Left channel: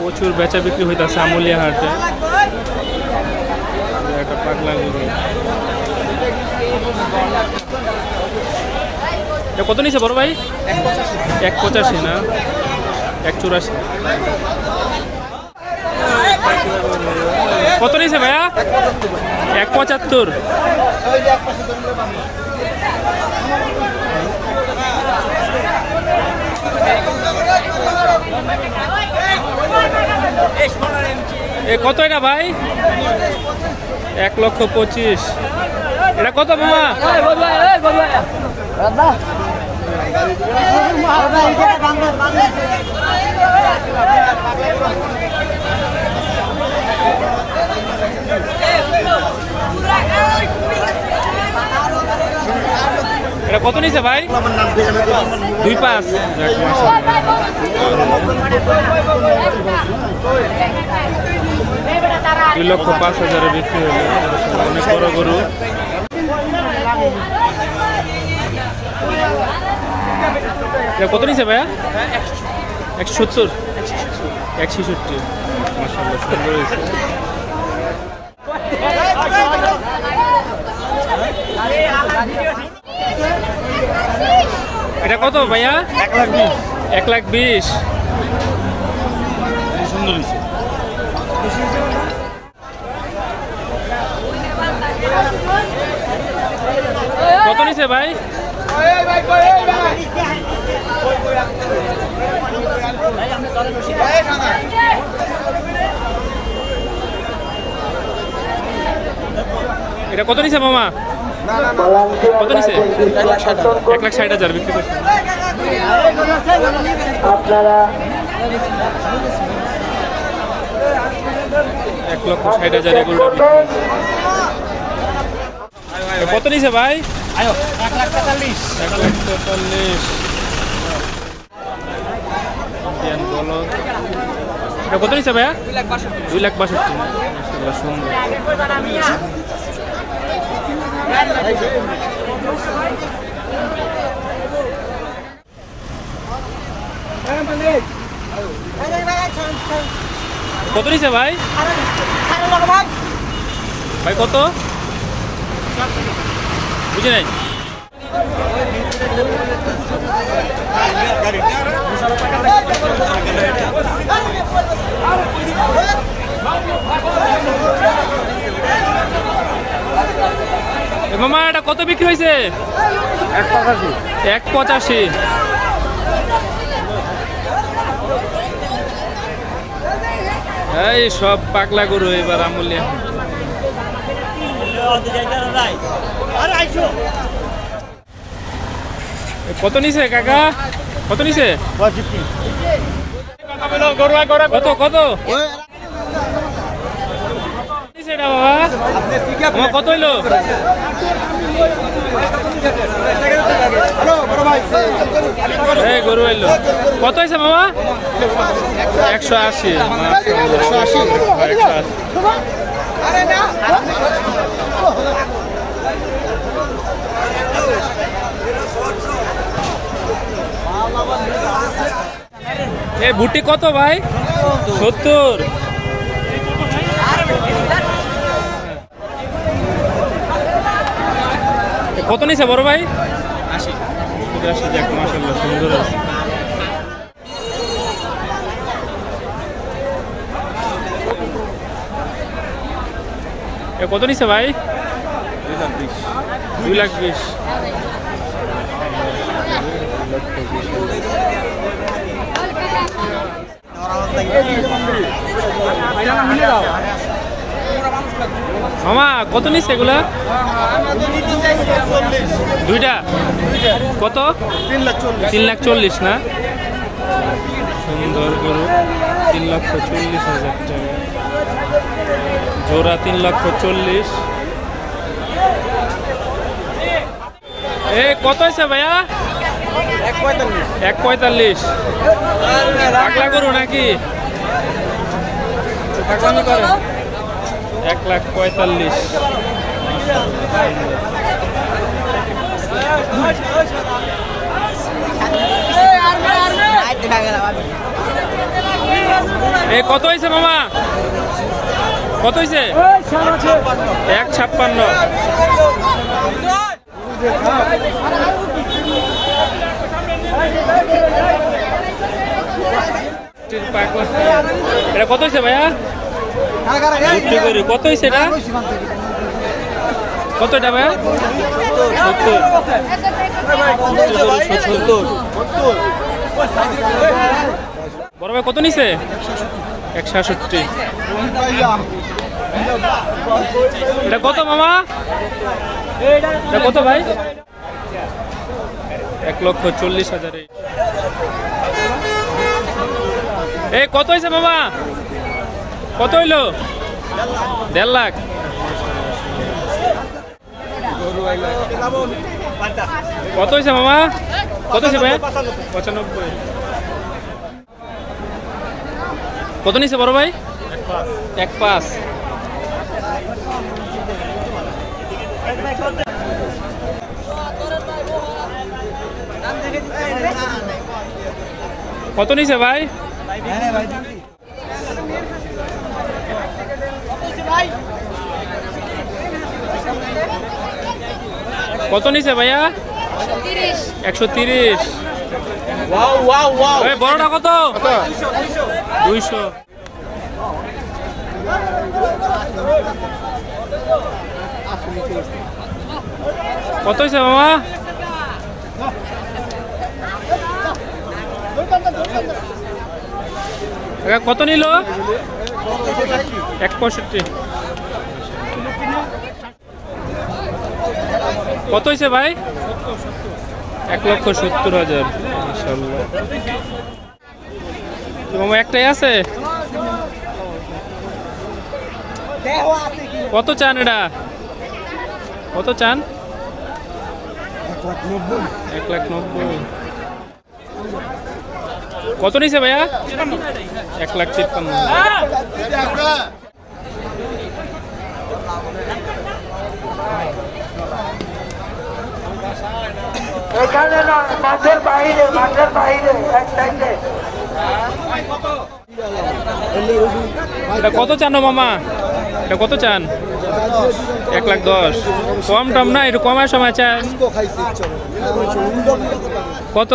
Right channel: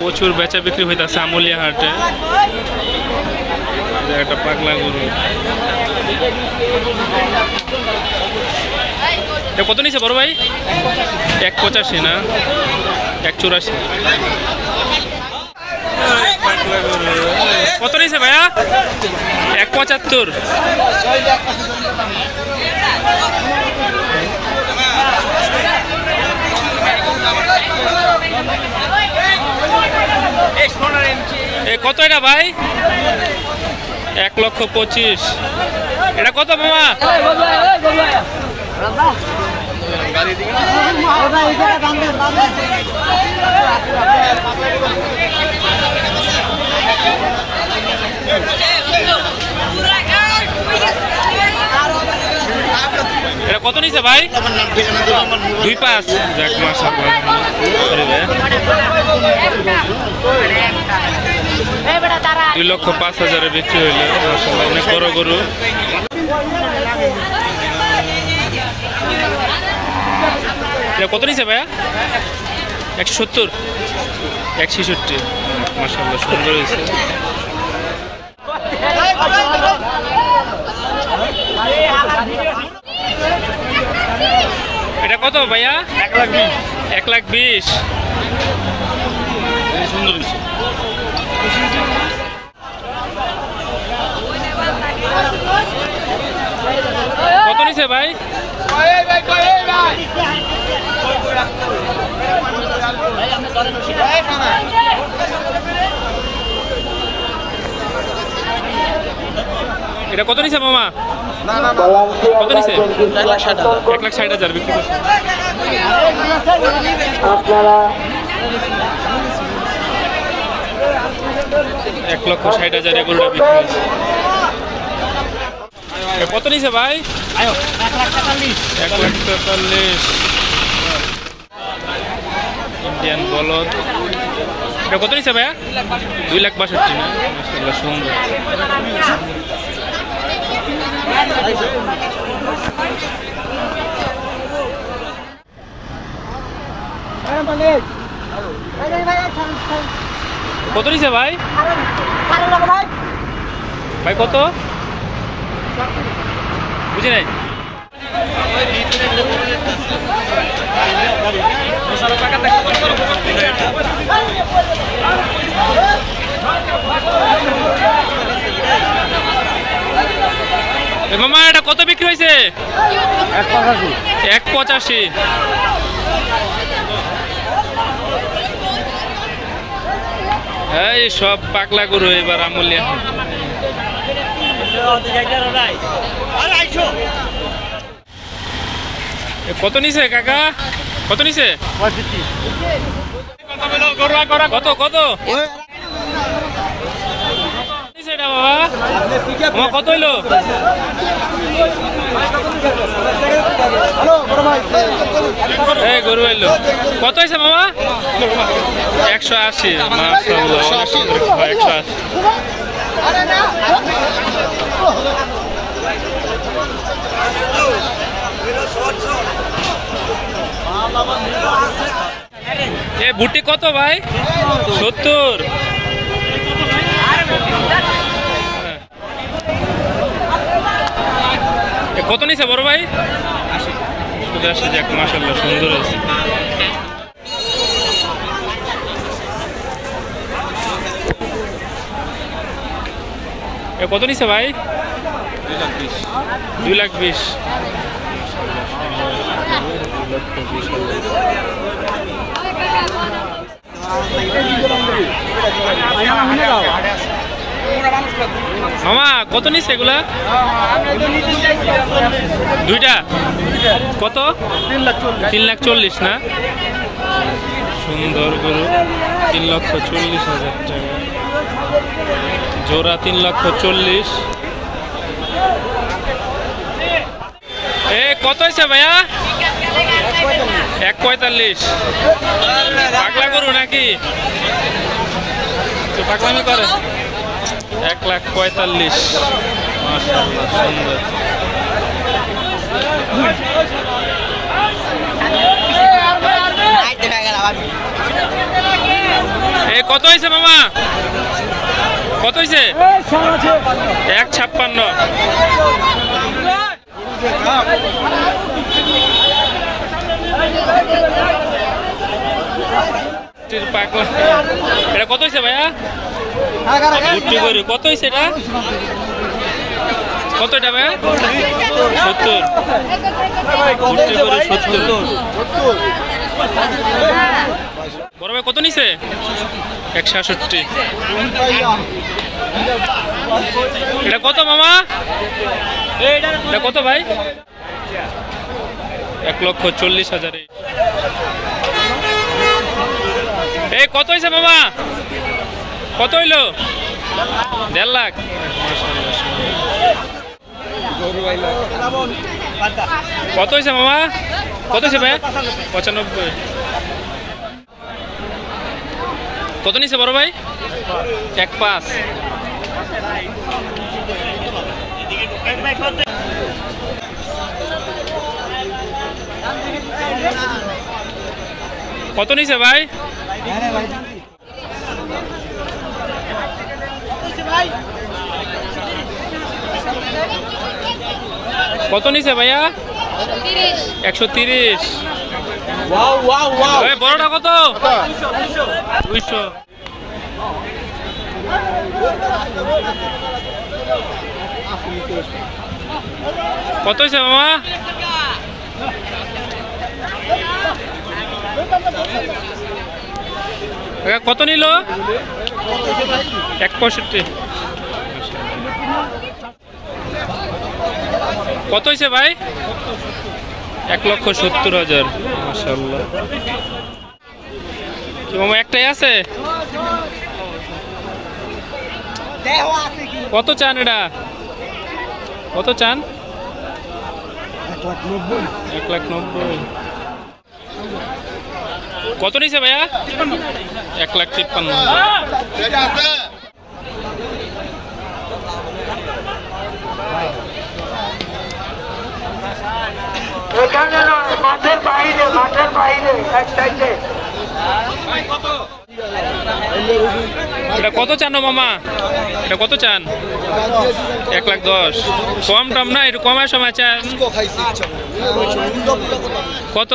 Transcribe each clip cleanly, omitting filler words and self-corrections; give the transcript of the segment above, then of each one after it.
প্রচুর বেচা বিক্রি হইতেছে আমুলিয়া হাটে। একটা পাগলা গরু, কত নিছে বড় ভাই? 185 না 184। কত নিছে ভাইয়া? 175। কত এটা ভাই? 1,25,000। এটা কত মামা? এটা কত নিছে ভাই? 2,500। যাক মাশাআল্লাহ, 2,05,000 বিক্রি হইল। মাশাআল্লাহ, অনেক বড় গরু। কত নিছে ভাইয়া? 170, 166। মাশাআল্লাহ, সুন্দর হয়েছে। এটা কত ভাইয়া? 1,20,000। সুন্দর হয়েছে। কত নিছে ভাই? এটা কত নিছে মামা? কত নিছে? 1,60,000 বিক্রি করছে। 1,60,000 এগুলোটা বিক্রি হয়েছে। কত নিছে ভাই? 1,43,000। ইন্ডিয়ান বলদ। এটা কত নিছে ভাইয়া? 2,62,000 না? মাশাআল্লাহ, সুন্দর। কত নিছে ভাই? ভাই কত? বুঝি নাই। মামা এটা কত বিক্রি হয়েছে? 1,85। এই সব পাগলা গরু এবার আমুলিয়া। কত নিছে কাকা? কত নিছে? কত কত এটা বাবা? আমার কত হইলো? এই গরু হইলো কত হয়েছে মামা? 180। মাশাআল্লাহ, অনেক সুন্দর। 180। এই বুটি কত ভাই? 70। কত নিছে বড় ভাই? 80। যাক মাশাআল্লাহ, সুন্দর হয়েছে। কত নিছে ভাই? 2,20,000। মামা কত নিচ্ছে এগুলা? দুইটা কত? 3,40,000 না? সুন্দর গরু। 3,40,000 টাকা জোড়া। 3,40,000। কত হয়েছে ভাইয়া? 1,45। পাগলা গরু নাকি? পাগলামি করে। 1,45,000। মাশাআল্লাহ, সুন্দর। এই কত হয়েছে মামা? কত হয়েছে? 1.56। এটা কত হয়েছে ভাইয়া? ভুট্টি করি কত হয়েছে এটা? কত এটা ভাইয়া? 70। ভুট্টি করি 70। বড় ভাই কত নিছে? 166। এটা কত মামা? এটা কত ভাই? 1,40,000। এই কত হয়েছে মামা? কত হইলো? 1.5 লাখ। কত হয়েছে মামা? কত হয়েছে ভাই? 95। কত নিছে বড় ভাই? 1.5। কত নিছে ভাই? কত নিছে ভাইয়া? 130। বড়টা কত? 200। কত হয়েছে মামা? কত নিল? 165। কত হয়েছে ভাই? 1,70,000। মাশাআল্লাহ। মামা একটাই আছে? কত চান এটা? কত চান? 1,90,000। কত নিছে ভাইয়া? 1,53,000। এখানে না, মাঠের বাইরে এক সাইডে। এটা কত চান মামা? এটা কত চান? 1,10,000। কম টম না, একটু কমার সময় চান। কত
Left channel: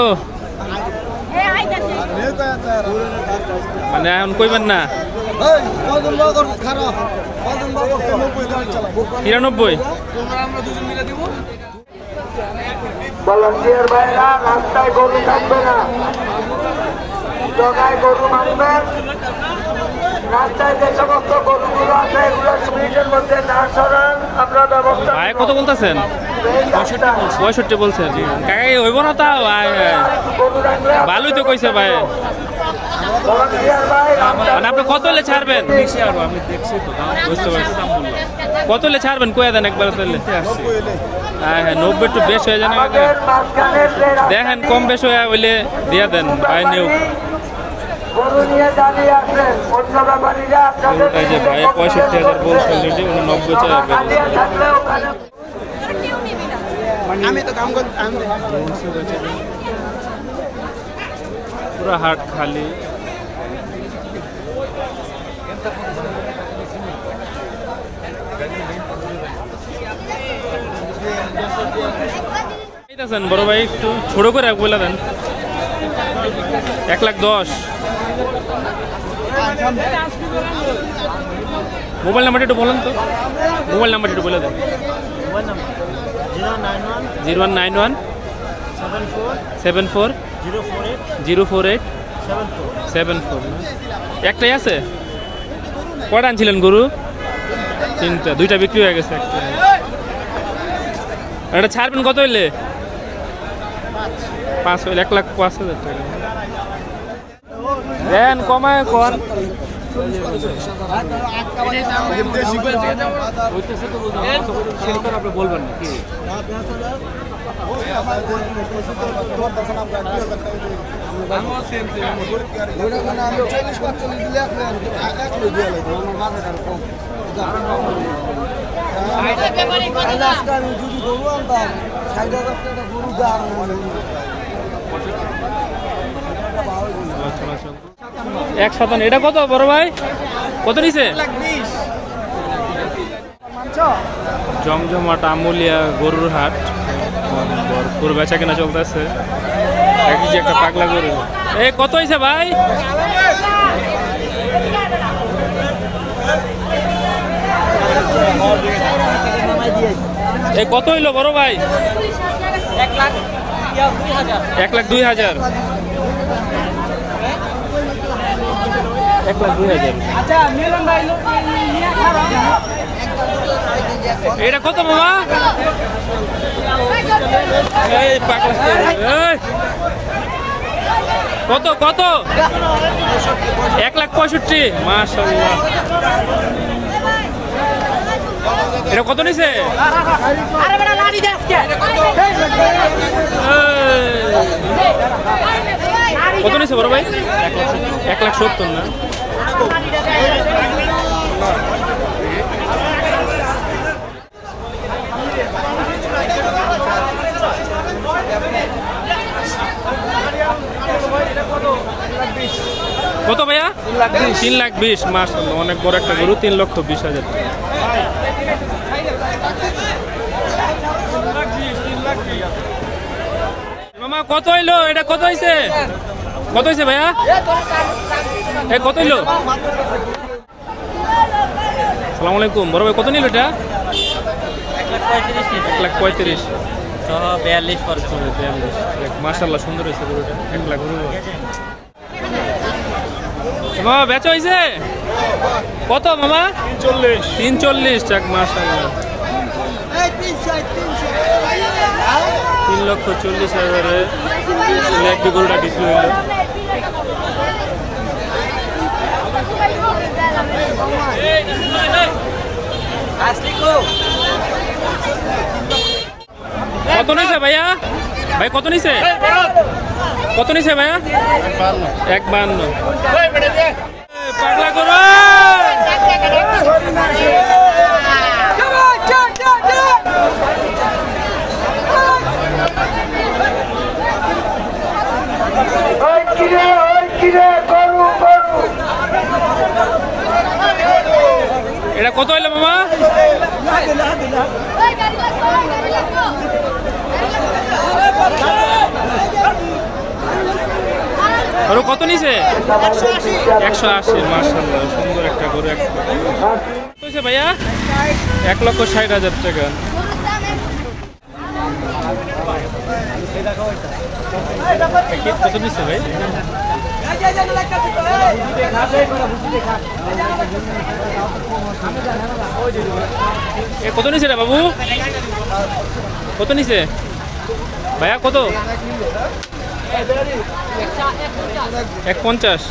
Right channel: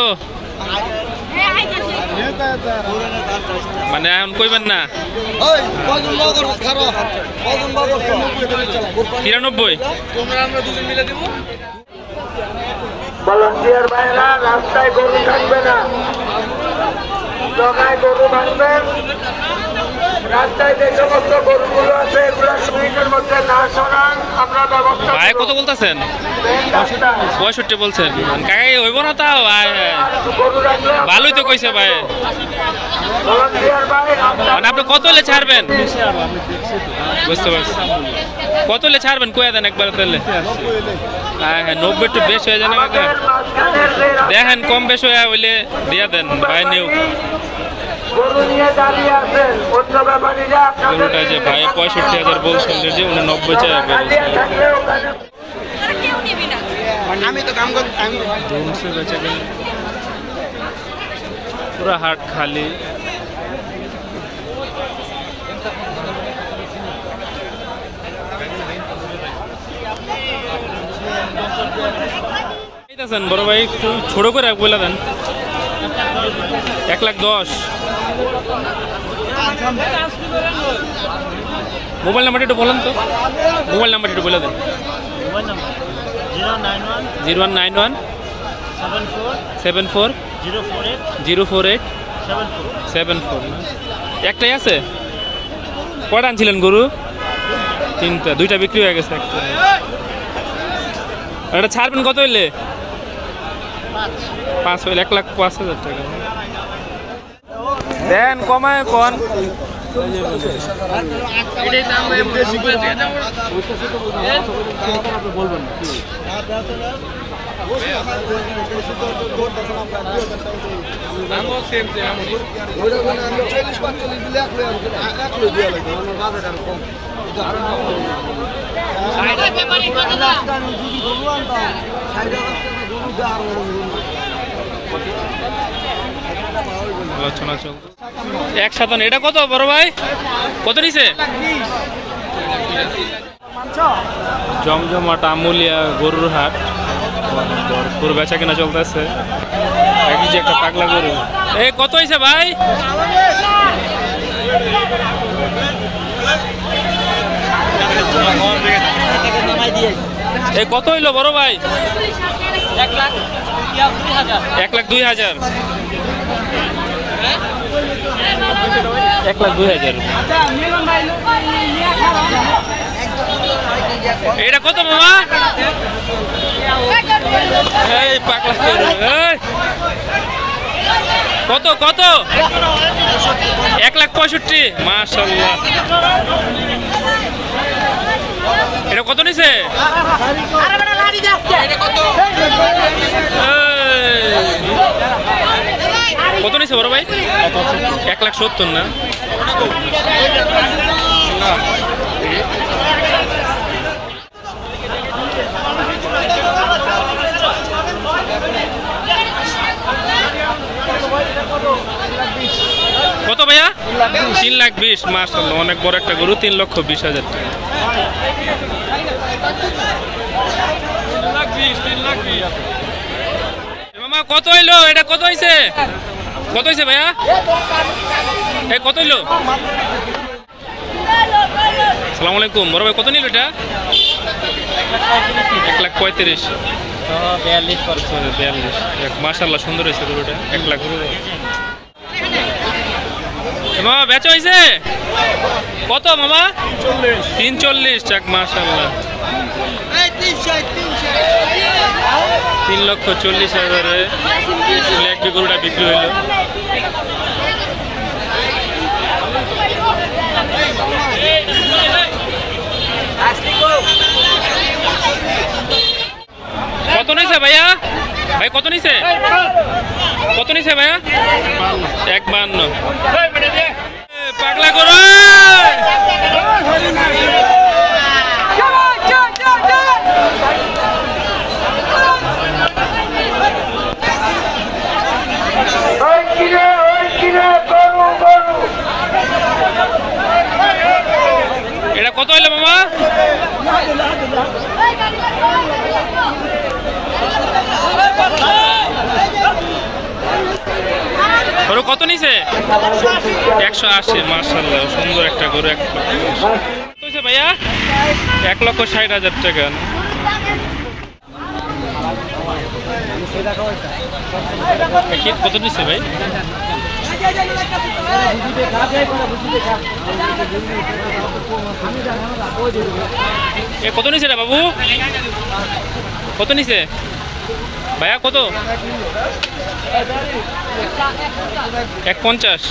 মানে এখন কইবেন না? 93। ভলান্টিয়ার ভাইরা রাস্তায় গরু থাকবে না, জায়গায় গরু মারবেন। রাস্তায় যে সমস্ত গরুগুলো আছে এগুলো মিনিটের মধ্যে না সরান, আমরা ব্যবস্থা। ভাই কত বলতেছেন? 65 বলছেন। কাকাই হইব না তাও? ভালোই তো কইছে ভাই। মানে আপনি কত হলে ছাড়বেন? বুঝতে পারছি। কত হলে ছাড়বেন কয়ে দেন একবার তাহলে। হ্যাঁ 90 একটু বেশ হয়ে যায় না কাকা? দেখেন কম বেশ হয়ে হইলে দিয়া দেন ভাই নিউ। গরুটা যে ভাই 65,000 বলছে অলরেডি, উনি 90 চাই আমি তো কাম করতাম। পুরা হাট খালি। বড় ভাই একটু ছোট করে বলে দেন। 1,10,000। মোবাইল নাম্বারটা একটু বলেন তো। মোবাইল নাম্বারটা একটু বলে দেন। মোবাইল নাম্বার 0191 74 048 74 না? একটাই আছে? কয়টা আনছিলেন গরু? 3টা। 2টা বিক্রি হয়ে গেছে। একটা এটা ছাড়বেন কত হইলে? 5 হইলে 1,05,000 টাকা দেন, কমায় কোন। বলবেন না। আলোচনা চলছে 157। এটা কত বড় ভাই, কত নিছে? জমজমাট আমুলিয়া গরুর হাট, ভরপুর বেচা কেনা চলতেছে। একই যে একটা পাগলা গরু। এই কত হয়েছে ভাই? এই কত হইলো বড় ভাই? 1,02,000। 1,02,000। এটা কত মামা? এই পাগলা কত কত? 1,65,000। মাশাআল্লাহ। এটা কত নিছে? কত নিছে বড় ভাই? 1,70,000 না? কত ভাইয়া? 3,20,000। মাশাআল্লাহ, অনেক বড় একটা গরু। 3,20,000 টাকা। মামা কত হইলো? এটা কত হয়েছে? কত হয়েছে ভাইয়া? এই কত হইলো? আসসালামু আলাইকুম বড় ভাই, কত নিল এটা? 1,35,000। 42। মাশাআল্লাহ, সুন্দর হয়েছে গরুটা। 1 লাখ গরু মামা বেচা হয়েছে কত মামা? 340 টাকা। মাশাআল্লাহ, 3,40,000 এক গরুটা বিক্রি হইল। কত নিছে ভাইয়া? ভাই কত নিছে? কত নিছে ভাইয়া? 1,52। পাগলা করো। এটা কত হইলো মামা? গরু কত নিছে? 180। মাশাআল্লাহ, সুন্দর একটা গরু। 1 লক্ষ ভাইয়া? 1,60,000 টাকা। কত নিচ্ছে ভাই? এ কত নিছে রে বাবু? কত নিছে ভাইয়া? কত? 1,50।